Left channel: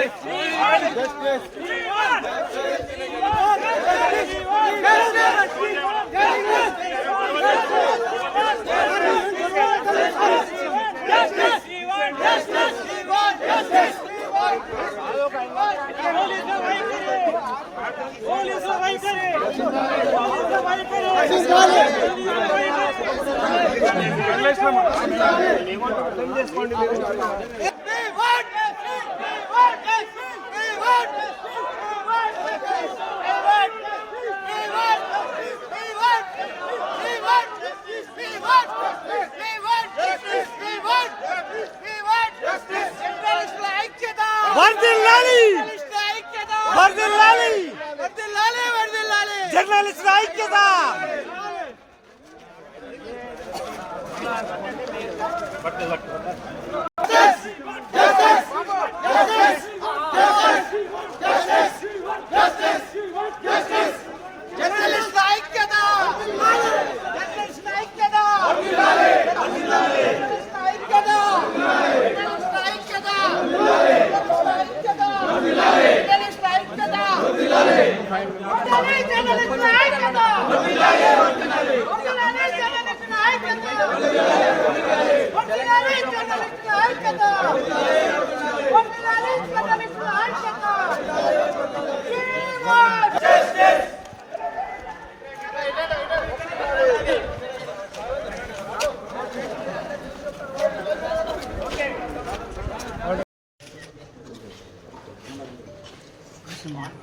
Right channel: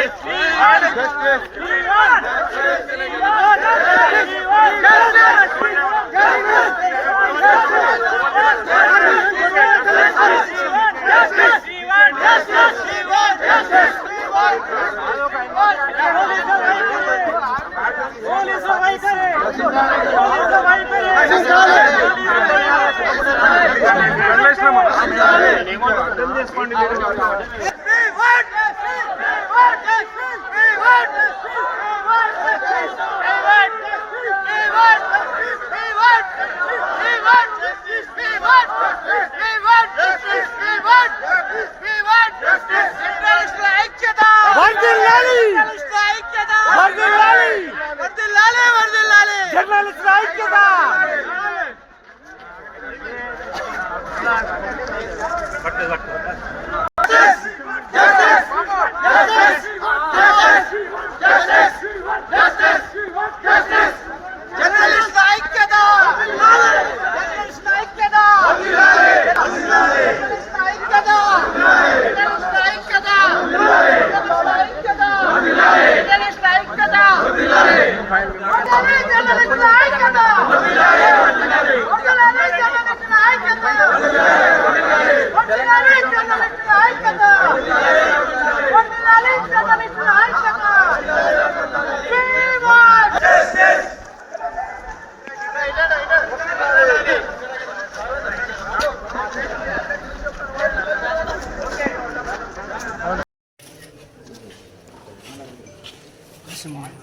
Justice! వర్ధిల్లాలి journalist ఐక్యత journalist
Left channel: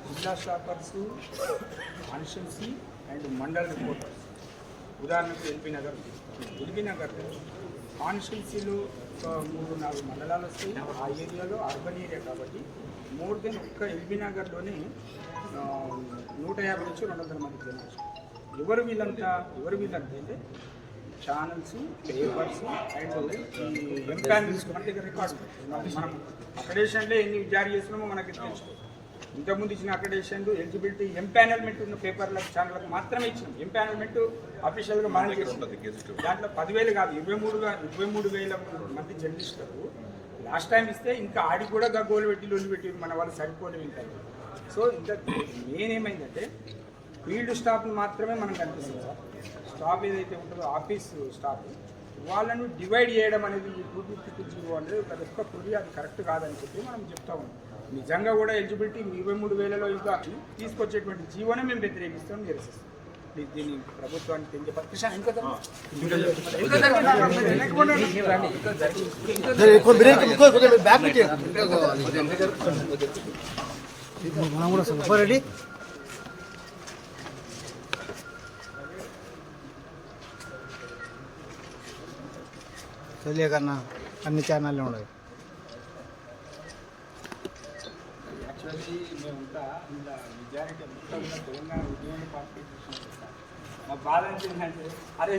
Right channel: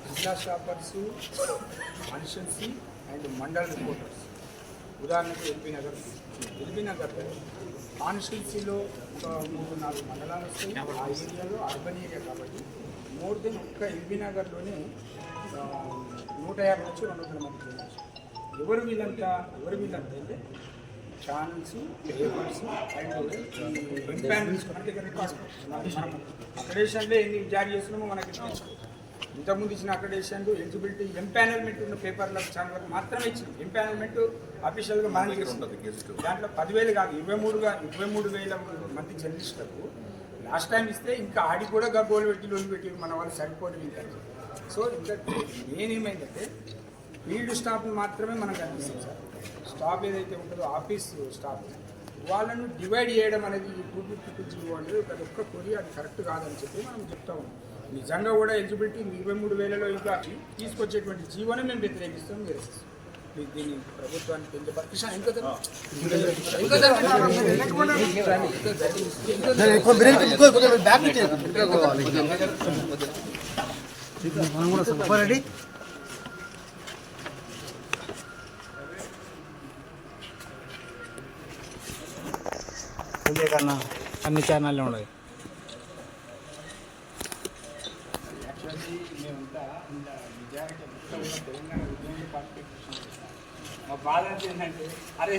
జిల్లా షాపర్స్ కాన్స్టిట్యున్సీ అండ్ మండల్ రిపోర్టర్స్ ఉదాహరణకు ఎల్బీ నగర్ ఎల్బీ నగర్ కాన్స్టిట్యున్సీలో ఒక మూడు నాలుగు మండలాలు వస్తాయి. ఆ ఏరియాలో అర్బన్ ఏరియా కాబట్టి మోర్ దెన్ ఒక్క ఎల్బీనగర్లోనే నూట యాభై నుంచి రెండు వందల మంది జర్నలిస్టులు ఎవరు వీళ్ళంతా ఎవరు వీళ్ళంతా అంటే ఛానల్స్ పేపర్స్ అండ్ ఎంపానల్స్ మన దగ్గర రికార్డు మనం అక్కడేషన్లో ఎన్ని జారీ చేస్తున్నామో మనకి తెలుసుకోవచ్చు ఇంతకుముందు ఇచ్చిన అక్రెడిషన్లు ఎలిజిబిలిటీ ఎంపానల్మెంట్ ఉన్న పేపర్లకు ఛానళ్ళకు మాత్రమే ఇచ్చినాం. ఎంపానల్మెంట్ అఫీషియల్గా మనం దాంట్లో పదివేలు కాదు ఇరవై మూడుగా ఇరవై మూడు వేల మంది జర్నలిస్టులకు లాస్ట్ టైం ఇస్తే ఇంకా ఆడి కూడా గగ్గోలు పెట్టి లోన్లు పెట్టి మన వాళ్ళు సరిపోవడం ఇంకా సో ఇంకా నేనేమైందంటే ఫీల్డ్ స్టాఫ్ మాత్రమే మనం కనిపిస్తుంది సార్. స్టాఫ్ ఏదైతే ఉంటుందో ఆఫీస్ స్టాఫ్ వాళ్ళను డివైడ్ చేయడం అనేది ఈ టూ ఫిఫ్టీ అనేది ప్రతి ఒక్క కొరి అది కరెక్ట్ కాదని చెప్పి మనం చెప్తా ఉన్నాం. నిజంగా కూడా ఎలిజిబిలిటీ ఇరవై మూడు వేలలో ఇంకా తీసుకొచ్చేటువంటి జీవోనే మేము వ్యతిరేకిస్తాం నిరసిస్తాం దీ- దీన్ని ప్రభుత్వానికి పెంచే ఇంకా ఇంకా కన్నా అన్ని ఛానళ్ళు ఉన్నాయి. యాక్చువల్లీ మేమంతా ఇలా మెజారిటీ మొత్తం ఉన్న తెలంగాణ ఉద్యమ పార్టీ మా బాధ ఏంటంటే అరే